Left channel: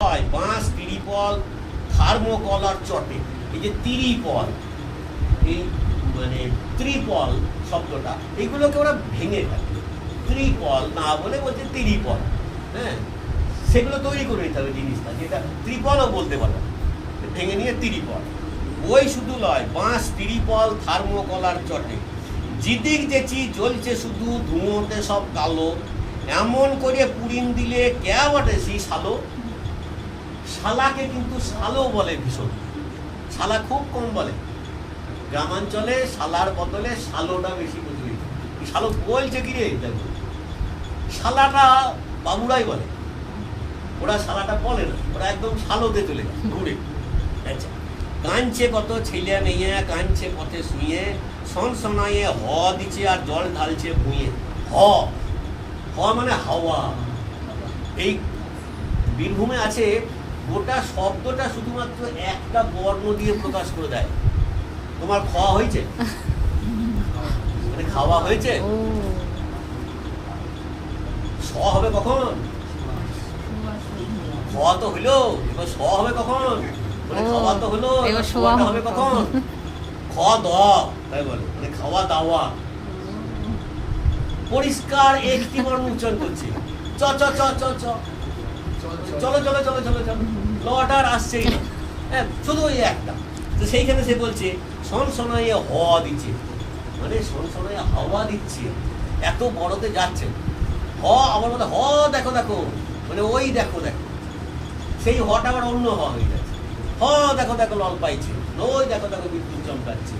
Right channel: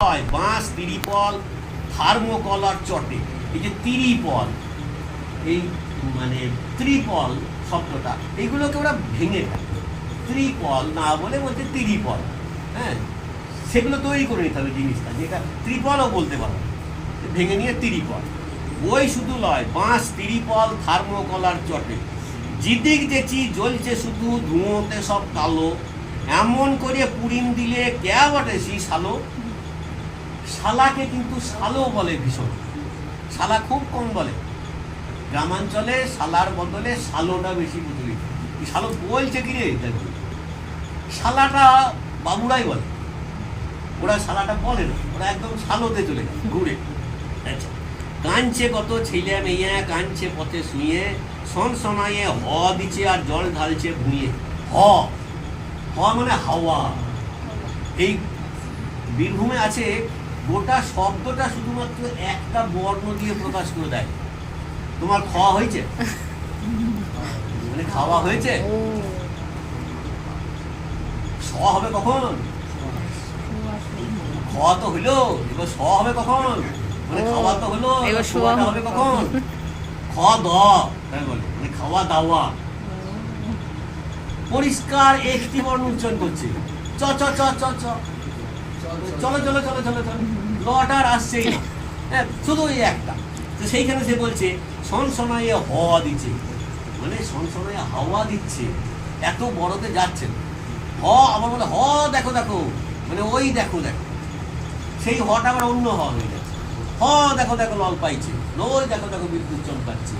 বাঁশ, তিরিপল, থার্মোকল আর চটে। এই যে তিরিপল, এই মানে ত্রিপল শব্দটা, এইগুলোকে ওরা ভেঙে ফেলে, ত্রিপল না বলে বলছে তিরিপল। হ্যাঁ, সেগুলো তৈরি করে নিতে হবে জিনিসটা, যেটা ত্রিপলও বলতে পারো, ভেঙে নিয়ে তিরিপল। ওই শুধু নয়, বাঁশ, তিরিপল, থার্মোকল আর চটে, জিদিক যেচি জ্বলছে শুধু ধুঁয়োতে সব কালো, এমন করে পুরিন দিলে কে বটে সি শালো। শালাকে কিন্তু শালো বলে ভীষণ, শালা খুব কম বলে। গ্রামাঞ্চলে শালার বদলে শালোটা বেশি প্রচলিত। শালো বলছে কি রে, দেখো শালাটা বাবুরাই বলে, ওরা শালাটা বলে না, ওরা একদম শালোতে চলে যায় ঘুরে। আচ্ছা, কাঁদছে কত ছেলে মেয়ে, কাঁদছে পথে শুয়ে, সন সনাইয়ে হ দিচ্ছে আর জল ঢালছে ভুঁয়ে। হ হ মানে হাওয়া। এই বীরভূমে আছে, গোটা শব্দটা শুধুমাত্র একটা বর্ণ দিয়ে প্রকাশ করে দেয়। তোমার খাওয়া হয়েছে, মানে খাওয়া হয়েছে, স হবে কখন? খাওয়া তো হইলো, এবার স হবে কখন? মানে খাওয়া তো হলো, শোয়াটা হবে কখন? খাওয়া দাওয়া, তাই বলে, মানে খাওয়া দাওয়া। পরিষ্কার একটি বর্ণ উচ্চারণ করছে, চ চ চ চ চ, চলো চলো চলো চলো চলো, লটা আর আসছেই না। হ্যাঁ, শুধু ওই একটা। তো সেইখানে সে বলছে সনসনাইয়ে হওয়া দিচ্ছে, মানে সনসনাইয়ে হাওয়া দিচ্ছে, এত বড়তে যাচ্ছে। হ আবার বলে হ দেখো দেখো, মানে ওই দেখো দেখো, সেই হটা আবার অন্য হ হয়ে যাচ্ছে। হ দেখো দেখো লল পাইছে, ওই দেখো দেখো বিদ্যুৎ চমকাচ্ছে।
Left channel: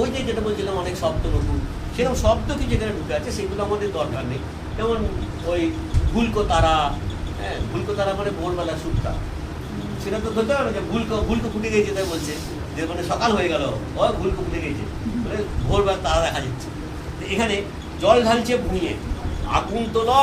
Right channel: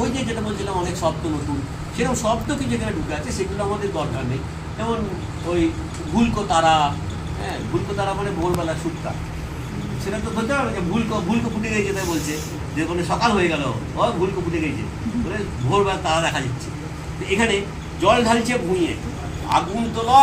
ওই যে যেটা বলছিলাম অনেক শব্দ নতুন, সেরকম শব্দ কি যেখানে ঢুকে আছে সেগুলো আমাদের দরকার নেই। যেমন ওই ভুলকো তারা, হ্যাঁ, ভুলকো তারা মানে ভোরবেলা সুপ্তা, সেটা তো ধরতে হবে না যে ভুলকো ফুটে গেছে, তাই বলছে যে মানে সকাল হয়ে গেল, ও ভুলকো ফুটে গেছে, মানে ভোরবেলা তারা দেখা যাচ্ছে। এখানে জল ঢালছে ভুঁইয়ে, আগুন তোলা